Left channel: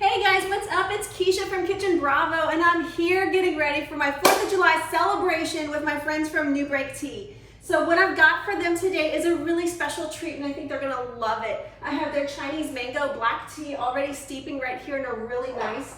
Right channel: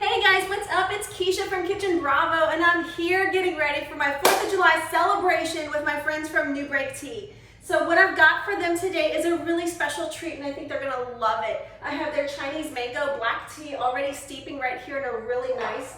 Hey guys, what's up? It's Keisha from Kitchen Bravo, and I'm here getting ready for my 4th of July celebration with my friends from New Break Tea. So what I've got for them today is a really special treat, and I think they're gonna love it. I have their Chinese mango black tea already steeping right here in a really nice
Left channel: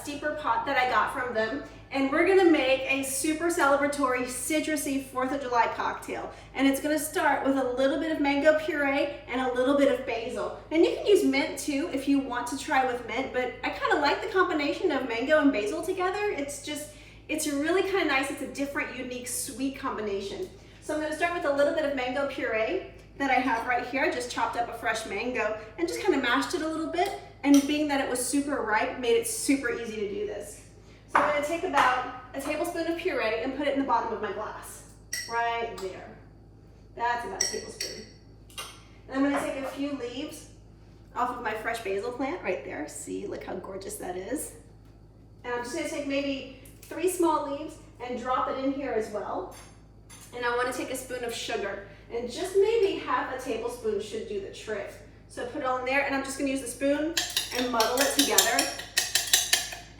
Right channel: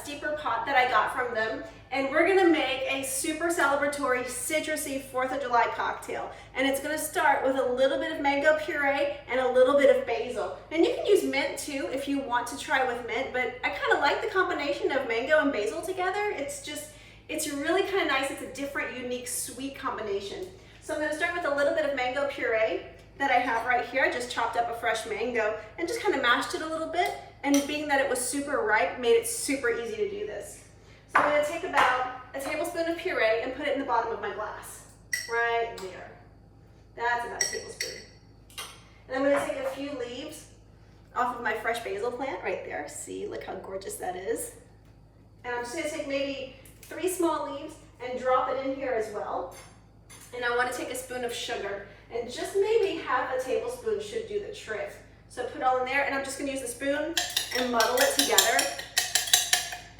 steeper pot that I got from them. And we're gonna make a super celebratory citrusy 4th of July cocktail. And it's gonna start with a little bit of mango puree and a little bit of basil. And you can use mint too if you want to try with mint, but I kind of like the combination of mango and basil together. It's really kind of nice. It's a different, unique, sweet combination. So I'm gonna start with a little bit of mango puree that I have right here. I just chopped up a fresh mango and just kind of mashed it a little bit. And being that it was super ripe, made it super easy to do this. So I'm gonna take about a tablespoon of puree and put it in the bottom of my glass, right there. That's about a tablespoon. And I'm gonna take a few leaves off of my fresh basil plant right there. See, look how gorgeous that is. And I'm just gonna take maybe 3 small leaves and drop it in here as well. And I wanna take a spoon of sugar, and just maybe half a tablespoon should do the trick. So put it all in there, and I'm just gonna use the spoon and muddle it together.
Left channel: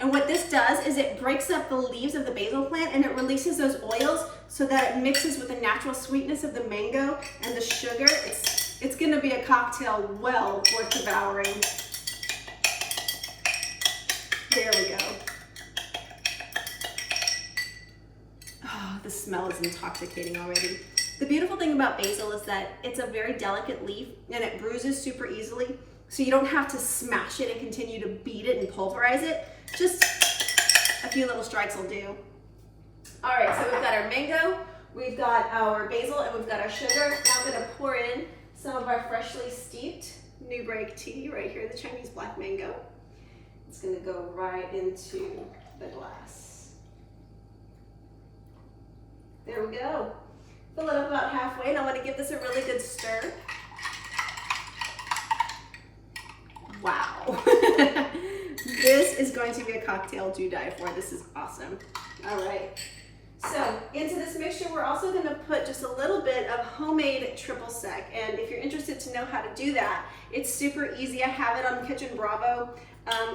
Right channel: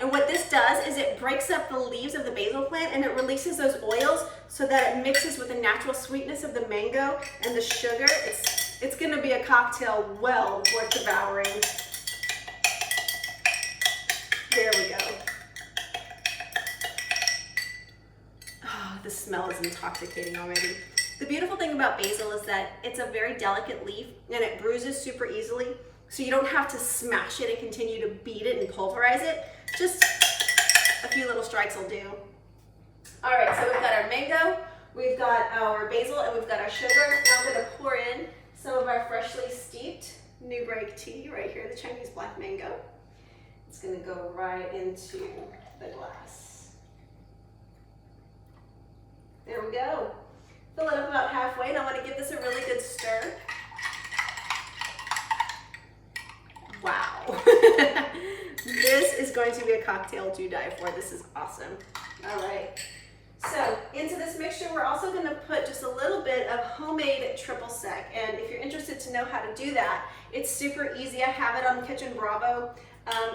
And what this does is it breaks up the leaves of the basil plant and it releases those oils so that it mixes with the natural sweetness of the mango and the sugar. It's gonna be a cocktail well worth devouring. There we go. Oh, the smell is intoxicating already. The beautiful thing about basil is that it's a very delicate leaf and it bruises super easily. So you don't have to smash it and continue to beat it and pulverize it. Just a few little strikes will do. All right, so we've got our mango, we've got our basil, and we've got our sugar. Now I'm gonna pour in some of our freshly steeped New Break tea right here, the Chinese black mango. It's gonna go right into the glass. There we go. Fill it up about halfway, and I wanna give this a really good stir. Wow. This is going to be a cocktail to die for. This is awesome. All right. So into this mixture, we're also going to put just a little bit of homemade triple sec. And if you're interested to know how to do that, it's super easy. I have it on Kitchen Bravo.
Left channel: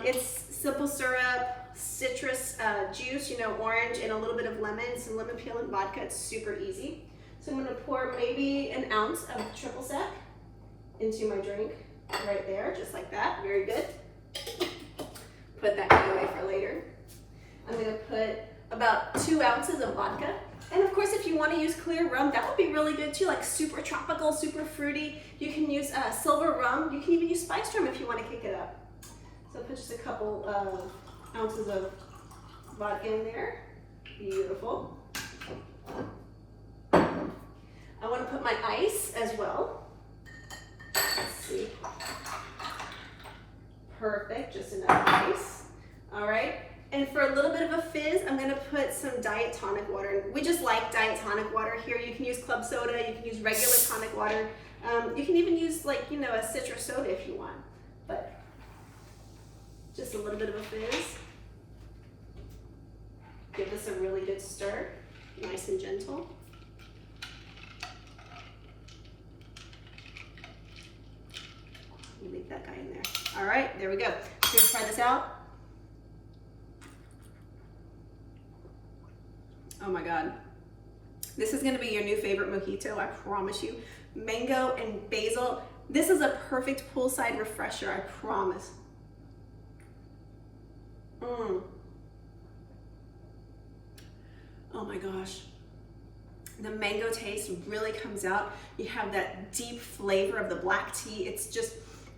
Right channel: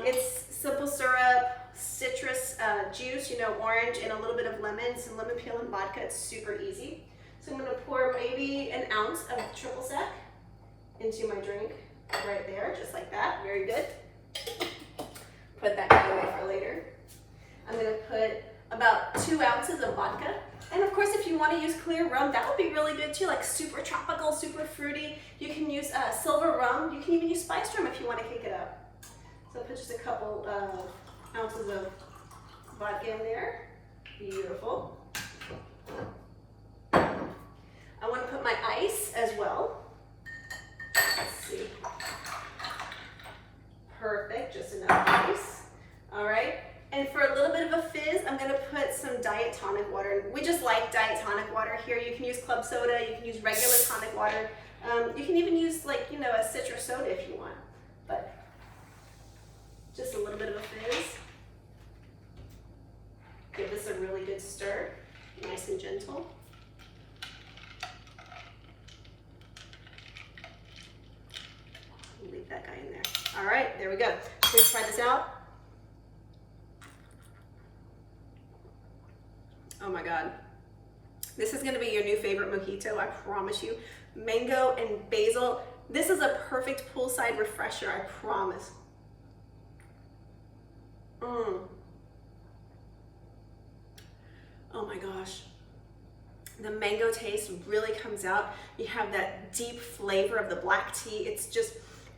It's simple syrup, citrus juice, orange, and a little bit of lemon, some lemon peel and vodka. It's super easy. So I'm going to pour maybe an ounce of triple sec into my drink right there, just like that. Very good. Put that away for later. I'm gonna put about 2 ounces of vodka. And of course, if you wanna use clear rum, that would be really good too, like super tropical, super fruity. You can use silver rum. You can even use spiced rum if you wanna kick it up. So I'll put just a couple ounces of vodka in there. Beautiful. I wanna put my ice as well. Let's see. Perfect, just enough ice. All right, and for a little bit of a fizz, I'm gonna put some diet tonic water. We just like diet tonic water here. You can use club soda, you can use regular tonic water. You can even use a citrus soda if you want, but just a little bit of a fizz. Give this a really good stir, nice and gentle. Leave that guy in there. All right, there we go. Let's try this out. Oh my God. This is gonna be your new favorite mojito, I promise you. Mango and basil. This is a perfect poolside refresher, I promise. Oh my gosh. The mango taste really comes out. You have that deep flavor of the black tea.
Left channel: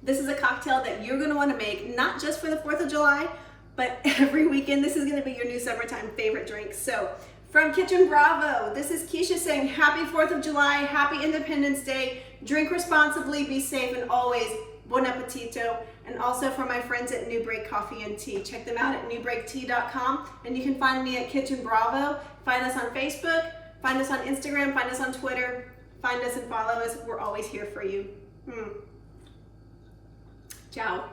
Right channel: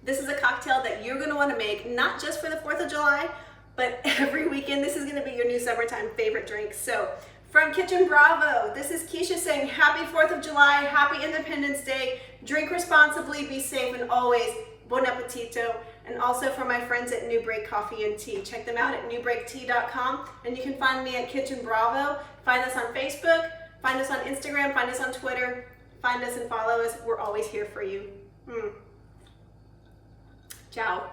This is a cocktail that you're gonna wanna make, not just for the 4th of July, but every weekend. This is gonna be your new summertime favorite drink. So from Kitchen Bravo, this is Keisha saying happy 4th of July, happy Independence Day, drink responsibly, be safe, and always bon appetito. And also for my friends at New Break Coffee and Tea, check them out at newbreaktea.com, and you can find me at Kitchen Bravo. Find us on Facebook, find us on Instagram, find us on Twitter, find us and follow us. We're always here for you. Ciao.